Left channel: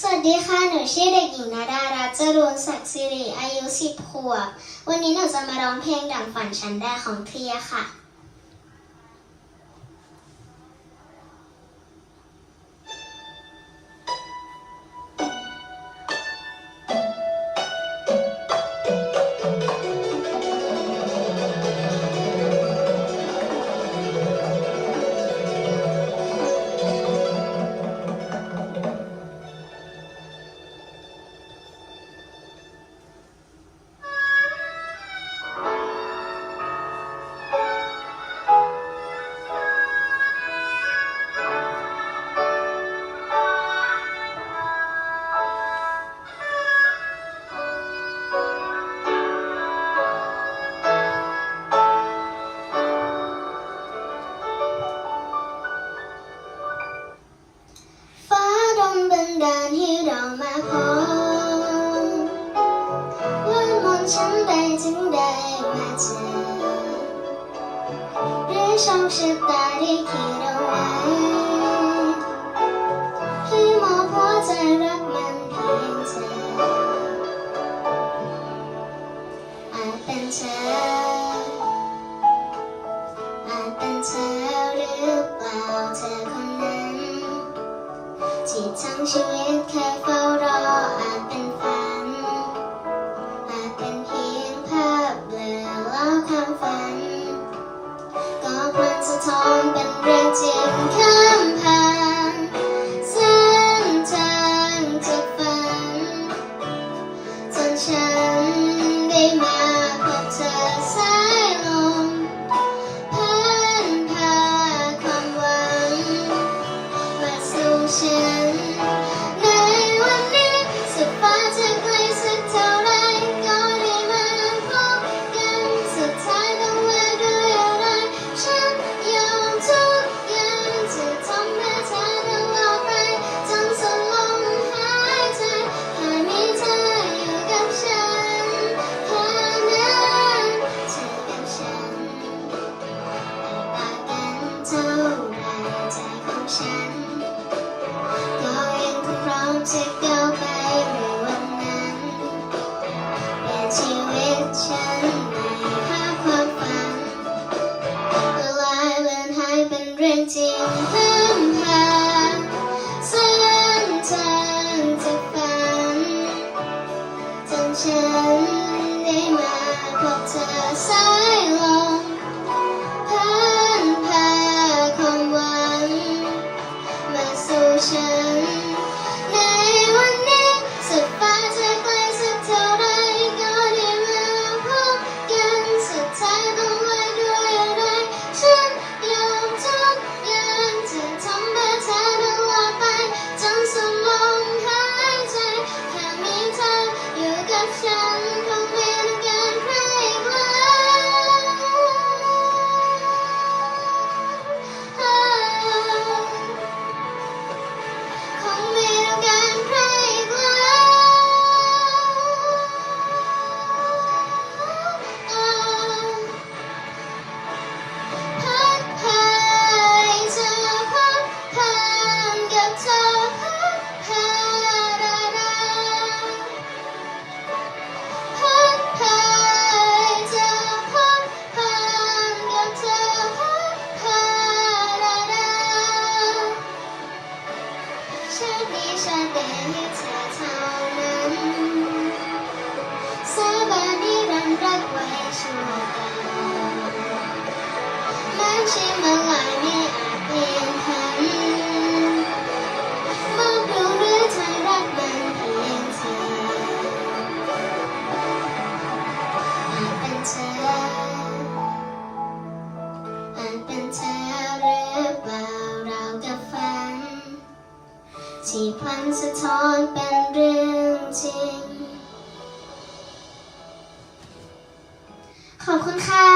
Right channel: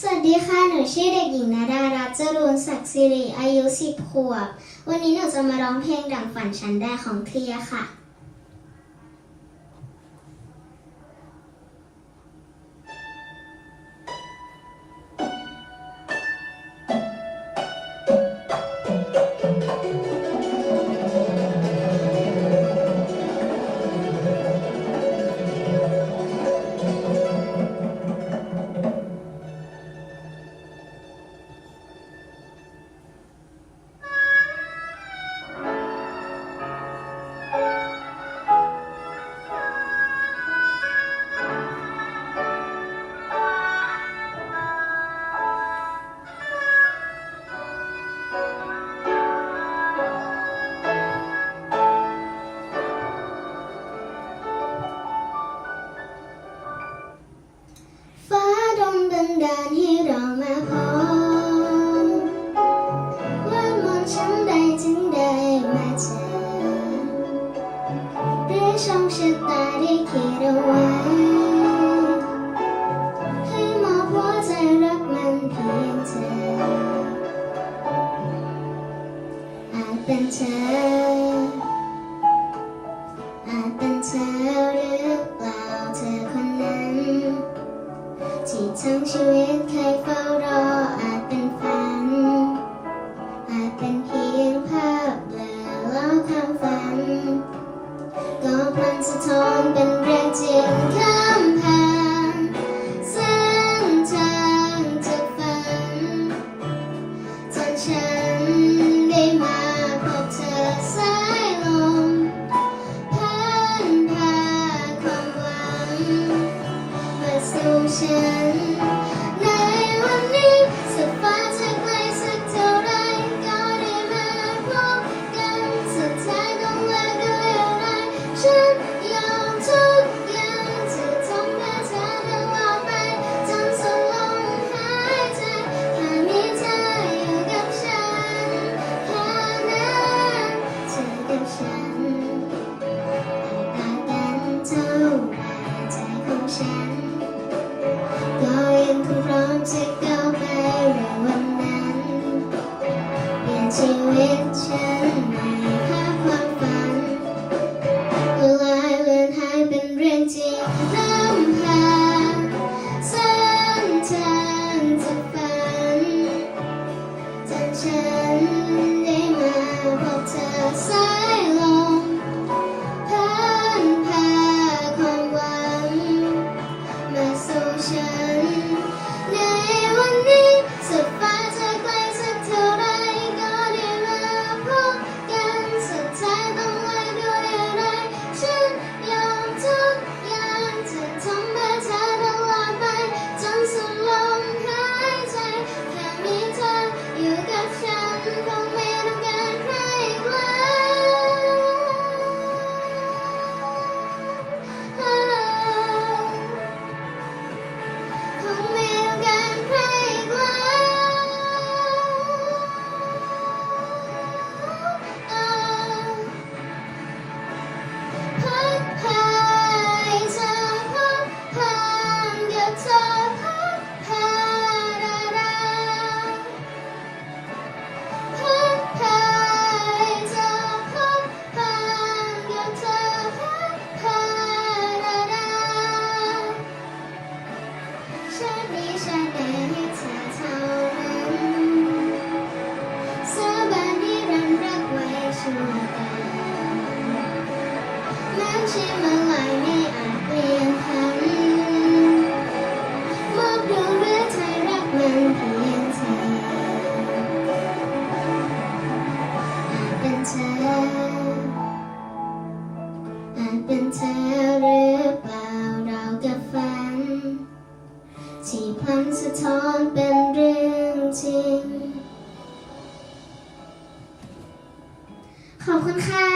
สวัสดีค่ะ หนูชื่อเด็กหญิงนาดารัตจรูนศักดิ์สิริ อายุ 10 ขวบ วันนี้หนูจะมาร้องเพลงดังฝันฉันได้ของเทียค่ะ มาขอว่ามองฉันได้จึงได้มาเจอหรือช่องชะตาที่คิดเอาไว้ที่มองหัวใจรักมันเพียงเธออาจเป็นเธอที่ทั้งชีวิตเคยเฝ้า แล้วความฝัน ก็มันสะท้อนเป็นเรื่องจริงค่ะ music ที่มันไหลไม่อาจเปลี่ยนพันมองดูเรือไทรักมันเพียงเธออาจเป็นเธออาจเป็นเธอหรือเปล่าเรากับฝัน ที่พันสะท้อนเป็นเรื่องจริง ขอบคุณค่ะ